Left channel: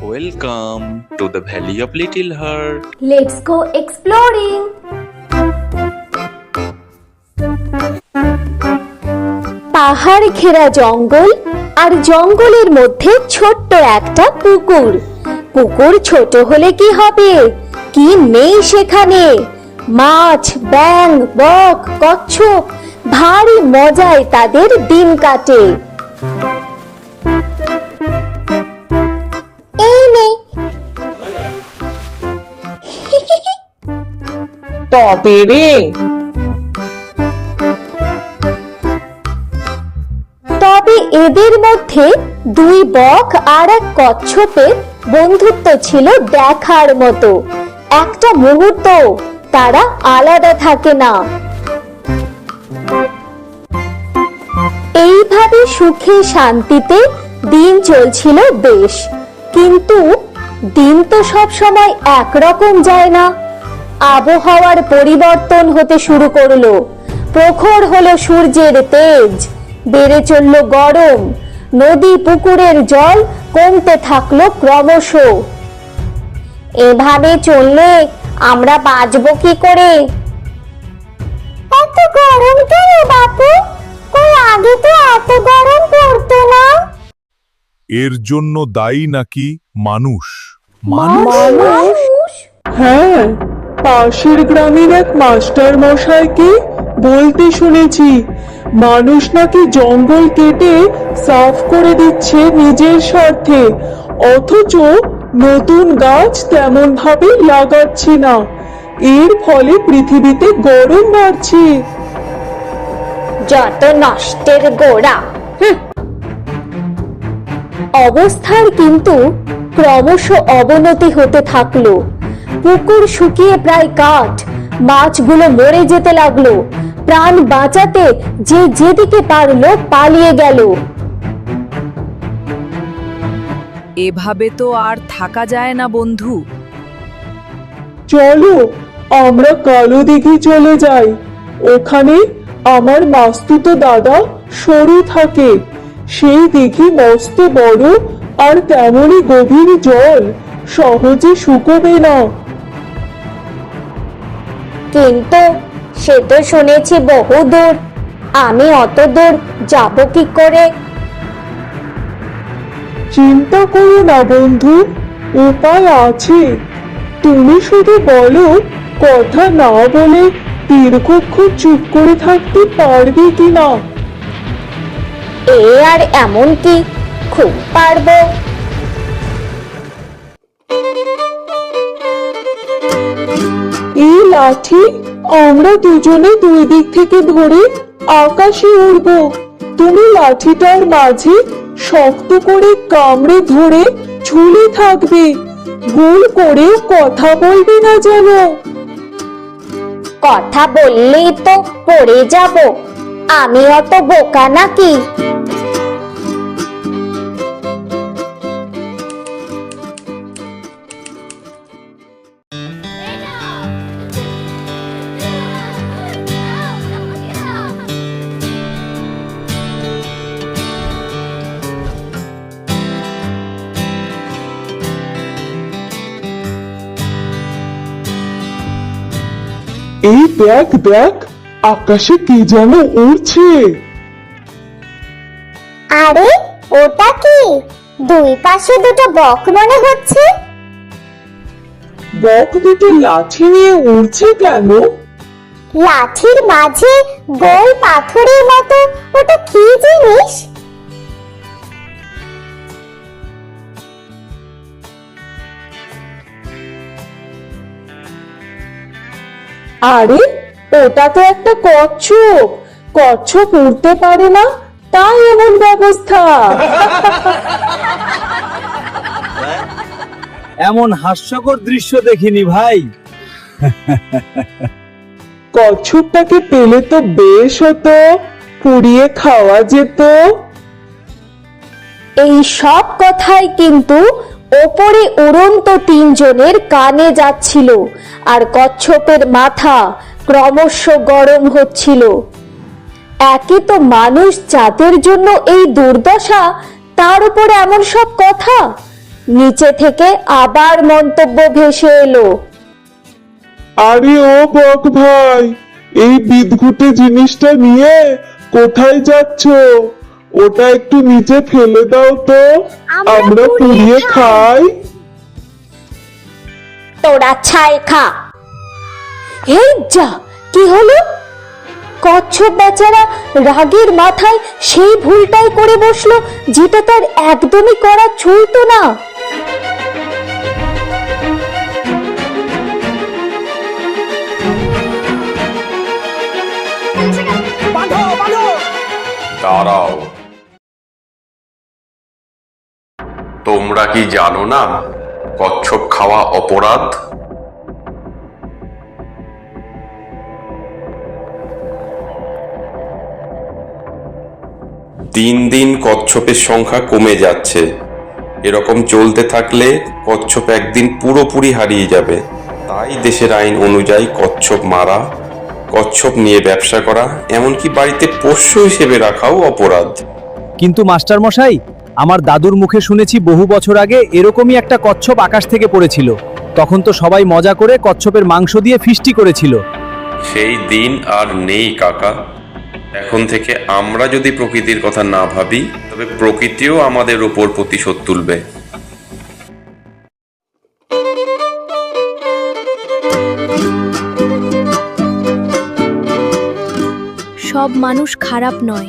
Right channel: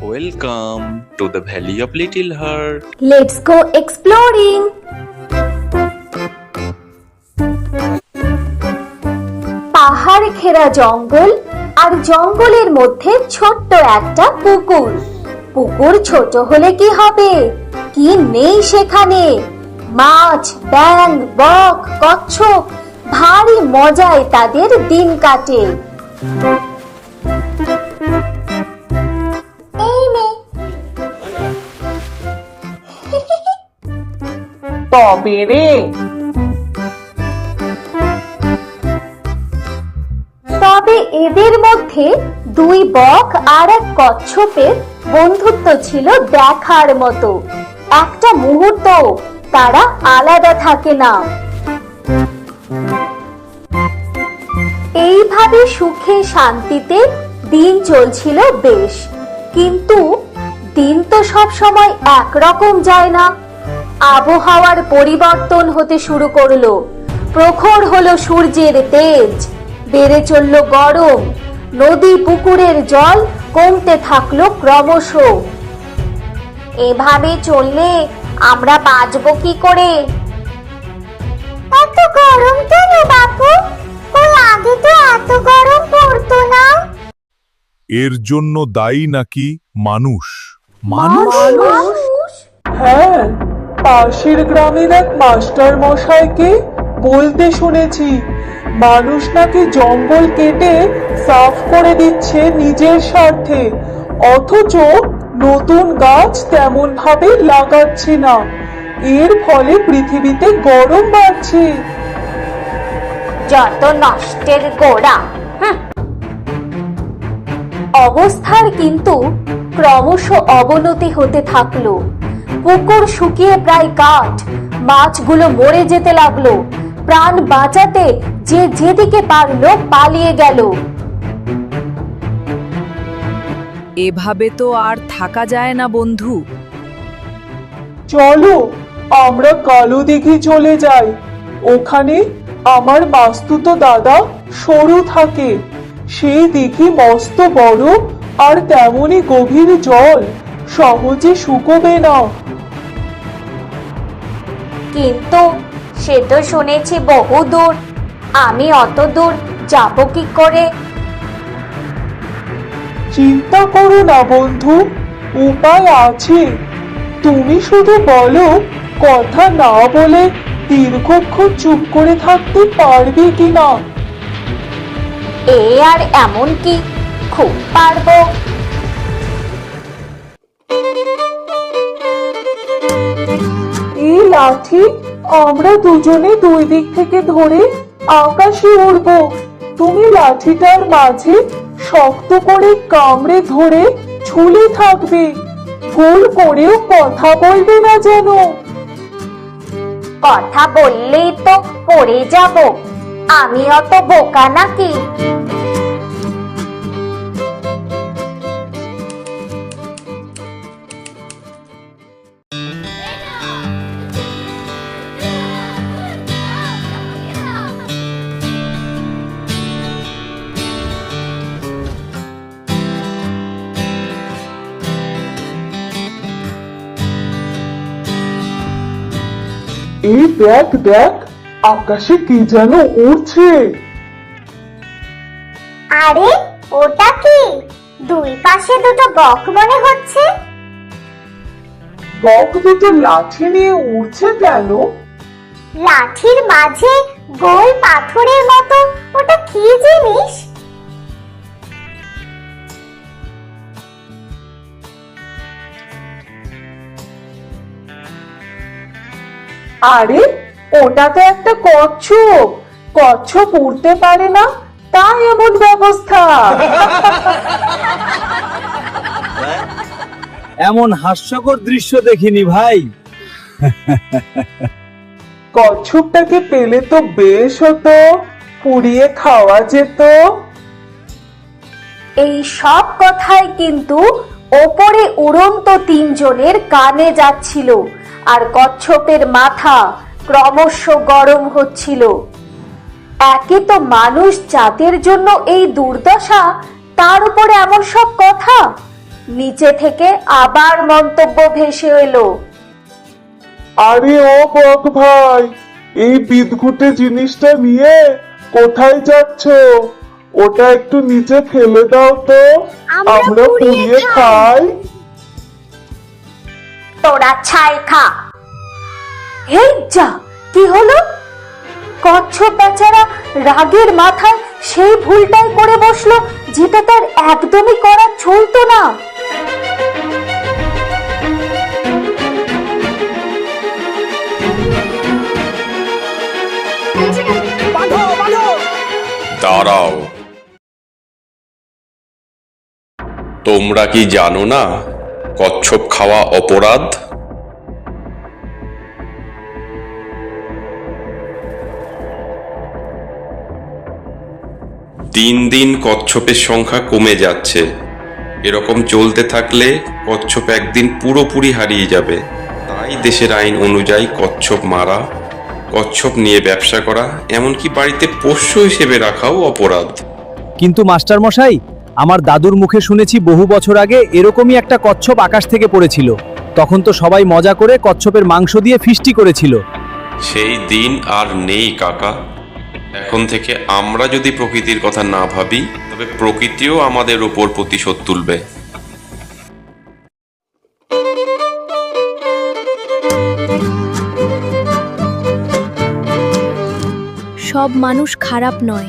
Welcome to the Valley of Little Heart. Let's go exploring. পাহাড় ঘেরা জঙ্গল আর জঙ্গলের মধ্যে ছোট্ট একটা পুকুর। পুকুর ছোট হলে কি হবে, কি নেই সেখানে? মাছ, ব্যাঙ, বক, কচ্ছপ, ভারী মজায় তাদের দিন কাটে। এই নে। তবে রে, তবে এদের মধ্যে দুই বক আর এক কচ্ছপের বন্ধুত্ব ছিল দেখার মতো। একটা মুহূর্ত তারা আলাদা থাকে না। এইভাবে সুখে শান্তিতে দিন চলছিল বেশ। কিন্তু দিন তো সব সময় একরকম যায় না। আবহাওয়ার পরিবর্তন হতে শুরু করলো। প্রখর হলো সূর্যের তেজ, বেড়ে চলল গরম, নদী পুকুরের জল কমতে থাকলো ক্রমশ। এভাবে চললে আমরা বাঁচবো কি করে? এত গরম কেন বাপু? কই আগে তো এত গরম পড়তো না। এর জন্য দায়ী নাকি মানুষ? মানুষ? হ্যাঁ, পাশের গ্রামের এক মাস্টার মশাইকে বলতে শুনেছি মানুষ নাকি জঙ্গল কেটে সাফ করে দিচ্ছে নিজের স্বার্থে, অথচ নতুন গাছ তেমন ভাবে লাগাচ্ছে না। এর ফলে পৃথিবীতে গরম বাড়ছে। যত নষ্টের গোড়া। অবস্থার কিন্তু ক্রমশ অবনতি হতে থাকলো। পুকুর শুকিয়ে প্রায় কাঠ, মাছগুলো মরে যেতে লাগলো। প্রাণ বাঁচাতে যে যেদিকে পারলো পালিয়ে গেল। এভাবে তো আর থাকা যায় না বন্ধু। চলো আমরা কালো দিঘি চলে যাই। ওখানে আমার মাস্তুতো দাদা সরু থাকে। সেই দিঘি মস্ত বড় আর তেমনই গভীর, জল সহজে শুকোবে না। কিন্তু সে তো শুনেছি বহু দূর। আমি অত দূর যাব কি করে? চিন্তা করো না বন্ধু, উপায় আছে। তুমি শুধু বলো, কথা না বলে দীর্ঘক্ষণ চুপ করে থাকতে পারবে কিনা। এ আর এমন কি, খুব পারবো। এই লাঠি আমরা দুজনে দুই দিক থেকে ধরে আকাশে উড়বো। তুমি লাঠিটার মাঝে শক্ত করে কামড়ে ধরে ঝুলে থাকবে। গোল করেও কথা বলবে না যেন। কথা বললেই তো পড়ে যাব। আমি অত বোকা নাকি? এই দেখ দেখ, আকাশে কি যেন উড়ছে। আরে ওটা কি? দুই পাশে দুটো বক মনে হচ্ছে। বক দুটো লাঠি নিয়ে উড়ছে কেন? লাঠির মাঝে গোল পাথরের মতো ওটা কি জিনিস? আরে ওটা তো একটা কচ্ছপ। কচ্ছপ উড়তে পারে না, তাই এমন ব্যবস্থা। এমন হাস্যকর দৃশ্য দেখিনি ভাই। কচ্ছপটাকে পেলে তো বেশ হতো, পুড়িয়ে খাওয়া যেত। এই সব কথাই কিন্তু ওপরে উড়ন্ত তিনজনের কানে যাচ্ছিল, আর কচ্ছপের মাথা ক্রমশ গরম হচ্ছিল। একে তো মানুষ জাতের জন্য এই দুর্দশা, তার উপরে এমন সব কথা। নিচে থেকে আবার মন্তব্য ভেসে এলো। আরে ও বক ভাই, এই বিদঘুটে জিনিসটা নিয়ে কোথায় যাচ্ছ? ওটা একটু নিচে ফেলে দাও তো, আমরা পুড়িয়ে খাই। তোরা ছাই খা। এই যা, কি হলো? কচ্ছপ বেচারা রাগের মাথায় সেই ভুলটাই করে বসলো যেটা তার একদমই করা চলতো না। দাঁড়াও, তোমরা কি জানো না কচ্ছপ খাওয়া অপরাধ? দিন দিন কচ্ছপের সংখ্যা কমে যাচ্ছে। এরকম চলতে থাকলে কচ্ছপ একদিন পুরোপুরি হারিয়ে যাবে। তাই দেশের আইন অনুযায়ী কচ্ছপ মারা, কচ্ছপ নিয়ে ব্যবসা করা, এমনকি বাড়িতে পোষ্য হিসেবে রাখাও অপরাধ। কিন্তু মাস্টার মশাই, আমার দাদুর মুখে শুনেছি বহু বছর আগে এরকমই একটা কচ্ছপ আকাশ থেকে পড়েছিল। তখন তো সবাই মজা করে কচ্ছপের মাংস দিয়ে ফিস্টি করেছিল। সেই দিন আর নেই কাকা। এখন থেকে আমরা যদি প্রকৃতির কথা না ভাবি, তবে প্রকৃতিও আমাদের উপর প্রতিশোধ তুলবে। সব মানুষ খারাপ নয়।